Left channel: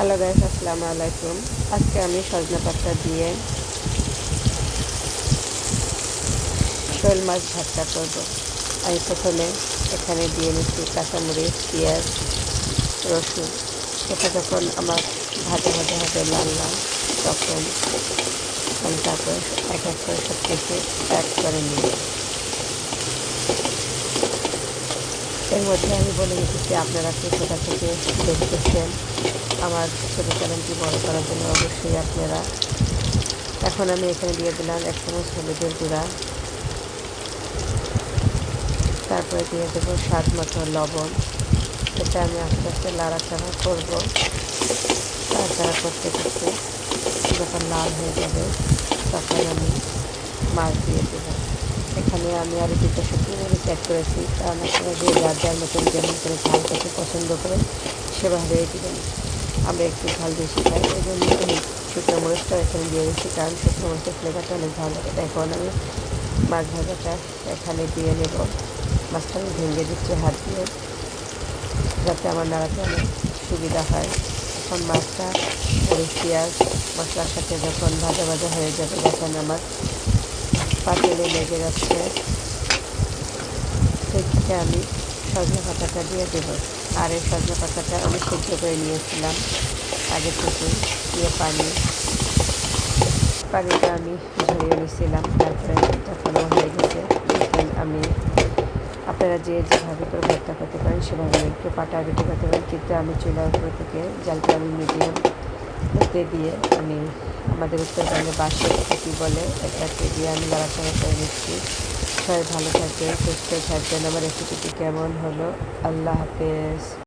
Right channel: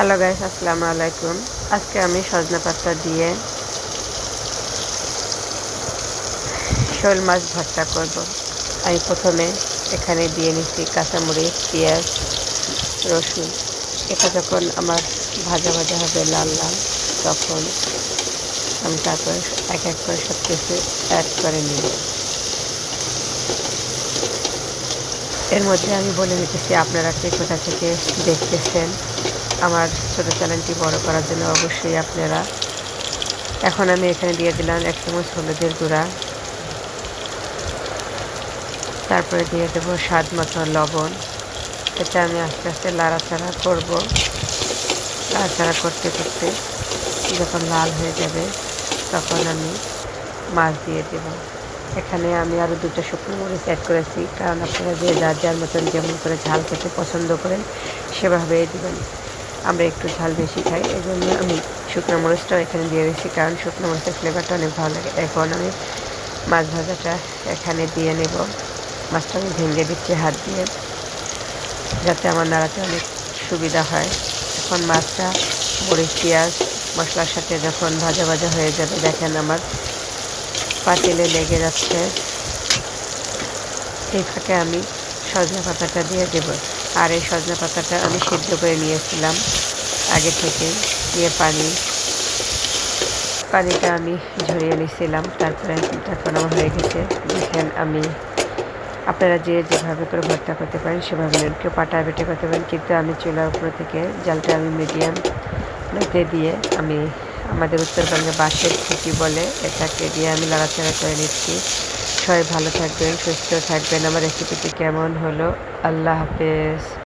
Hello guys আসসালামু আলাইকুম আজকে আমি সজনা পাতা দিয়ে শোল মাছ ভর্তা করব। আমি প্রথমে এখানে দিয়ে নিচ্ছি কাঁচামরিচ, পেঁয়াজ, রসুন। এটা যখন আমার ভাজা ভাজা হবে লাল লাল, তখন আমি তারপর এক এক করে সব কিছু অ্যাড করে নিই এর মধ্যে আমি বলে দিতেছি, আপনারা কে কোথা থেকে দেখতেছেন আমার ছোটো চ্যানেলটি বড় করার জন্য অবশ্যই আপনারা। এখন আমি এখানে দিয়ে দিলাম এক চামচ হলুদের গুঁড়া। তারপরে দিয়ে দেবো স্বাদ মতো লবণ। এটা আমি আস্তে আস্তে লাড়াচাড়া করব। লাড়াচাড়া করতে করতে যখন লাল হয়ে যাবে, তখন আমি মাছ দিয়ে দেবো। এখানে আমি আরও দুটো শুকনো মরিচ অ্যাড করেছি। কারণ আপনারা যে যার যার মতন যেমন করে ঝাল খেতে পছন্দ করেন সেভাবেই দেবেন। আমরা একটু ঝাল বেশি খাই। এই জন্য আমি শুকনো মরিচটাও এখানে দিয়ে দিচ্ছি কারণ শুকনো মরিচের ফ্লেভারটা অনেক ভালো লাগে। এখন আমি মাছ ভাজাটা এখানে দিয়ে নেব। মাছটা আমি ভেঙে দিচ্ছি হাত দিয়ে, যাতে আমার নাড়াতে অনেক সুবিধা হয়। এখন মাছটা, মরিচ, পেঁয়াজ, মশলার সাথে যখন ভাজা ভাজা হয়ে যাবে, দেখেন আমার পাতিলে লেগে যাচ্ছে। ফাঁকে আমি সজনে পাতাটা দিয়ে দেবো। আর এই সজনে পাতাটা আমি সিদ্ধ করে নিয়েছিলাম আগে থেকে দিয়ে পানি। পানিটা আমি ঝরিয়ে নিয়েছিলাম, তারপরে এখন আমার হয়ে গেছে। দেখেন আমি, আপনারা যে যেভাবে করে ভর্তা করতে পারেন সেভাবে কেউ পাটা বেটে করতে পারেন, কিন্তু আমি চুলার উপর থেকে জালটা আমি মিডিয়াম দিয়ে আমি আমাদের উত্তরবঙ্গে বাসের খুঁটি বলে এটাকে দিয়ে আমি লড়াচড়া করে নিচ্ছি। সবাই ভালো থাকবেন, সুস্থ থাকবেন। আমার রেসিপিটি কেমন হলো? আল্লাহ হাফেজ।